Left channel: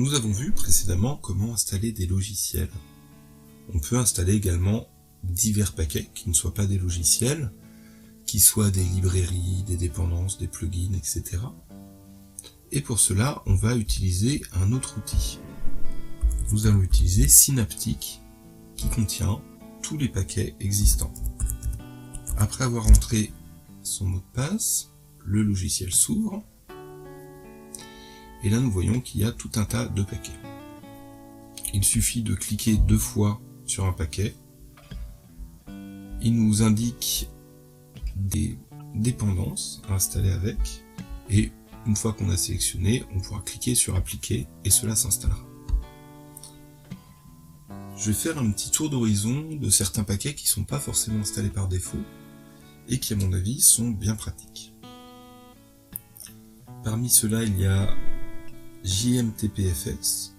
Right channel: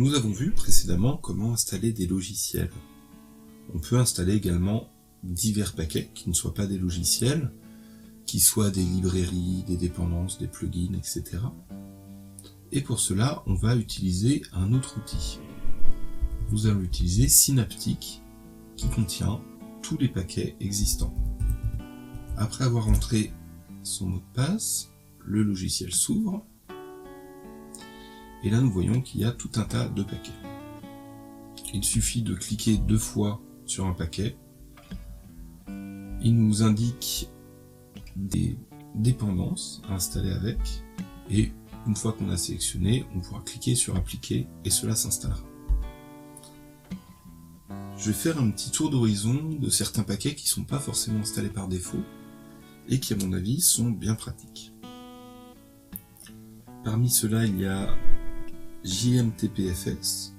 Nous avons vu précédemment comment installer des logiciels. On peut installer également divers paquets qui ne soient pas des logiciels, qui soient des librairies, des dépendances, des plugins, etc. Et pour cela, on va utiliser un autre outil. Nous allons utiliser Synaptic, qui contient tous les paquets existants. Après avoir entré son mot de passe, le logiciel s'ouvre. Et là, nous voyons qu'il y a tout un tas de paquets. Il suffit de cliquer 2 fois sur un paquet. Il nous indique des dépendances à installer avec. Et une fois qu'on a sélectionné, on pourra cliquer sur appliquer et cela s'installera. Je vais faire un petit tour d'horizon de certains paquets qui ne sont pas forcément installés par défaut et qui, à mon avis, sont bien pratiques. Parmi ceux-là, il y a JMTPFS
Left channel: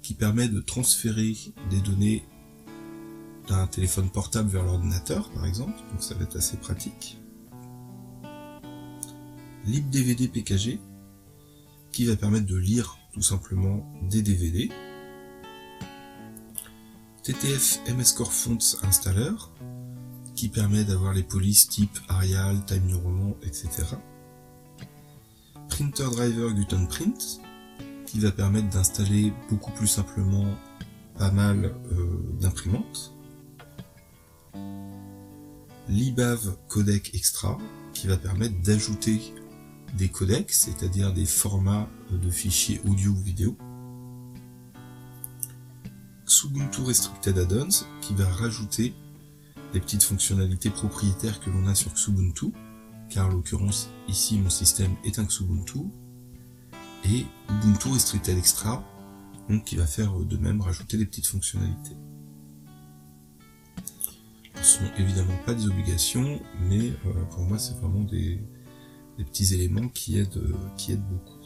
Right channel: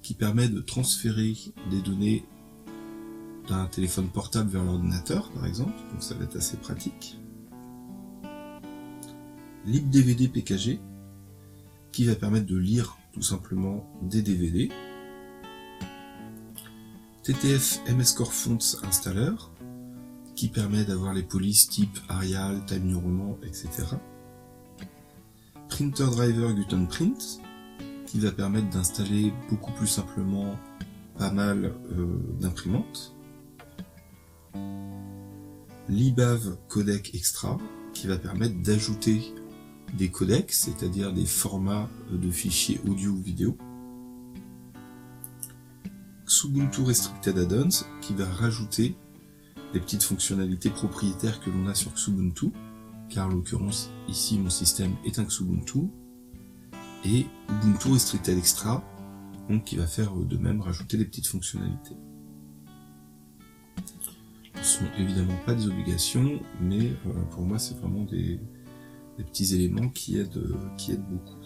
qui permet de transférer des données d'un téléphone portable vers l'ordinateur, par exemple, donc ça va être assez pratique. LibDVD PKG qui va permettre de lire tout simplement des DVD. TTF MS Core Fonts Installer qui permet d'avoir les polices type Arial, Time New Roman, etc. Printer Driver Gutenprint qui va permettre d'installer beaucoup plus simplement pas mal d'imprimantes. Libav Codec Extra qui va permettre d'ajouter des codecs, c'est-à-dire des formats de fichiers audio ou vidéo. Xubuntu Restricted Add-ons qui va rajouter les petites fonctionnalités propriétaires que l'on a sur Xubuntu, car en l'occurrence ici mon système est un Xubuntu, et Ubuntu Restricted Extra, donc qui va faire de même rajouter des petites fonctionnalités. Ce ne sont évidemment pas des obligations, mais pour moi c'est vraiment des petits éléments qui aident beaucoup.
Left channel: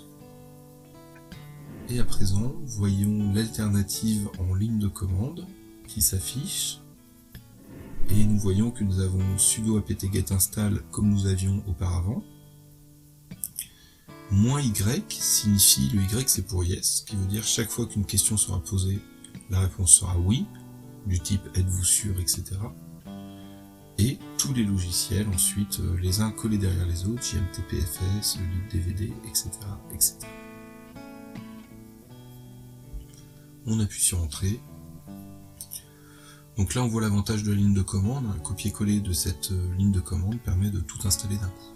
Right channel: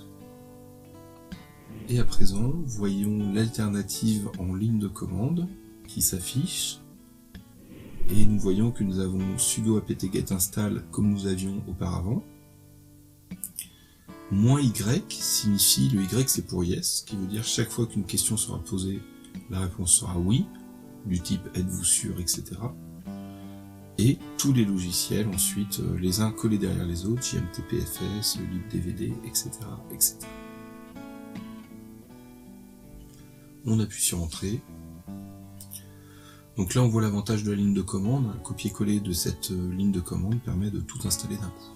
Et à présent, voyons l'alternative en ligne de commande qui s'affiche. Et nous voyons que nous avons sudo apt-get install comme nous avions auparavant. -y signifie, le y c'est pour yes, qui veut dire chaque fois qu'une question sera posée, la réponse sera oui, du type êtes-vous sûr, etc. Et tous les logiciels ensuite, les uns collés derrière les autres, JMTPFS, le libDVD, etc., etc. On appuie sur Entrée. Donc là on voit l'avantage de la ligne de commande, un copier-coller de cette ligne de commande permet de tout installer d'un coup.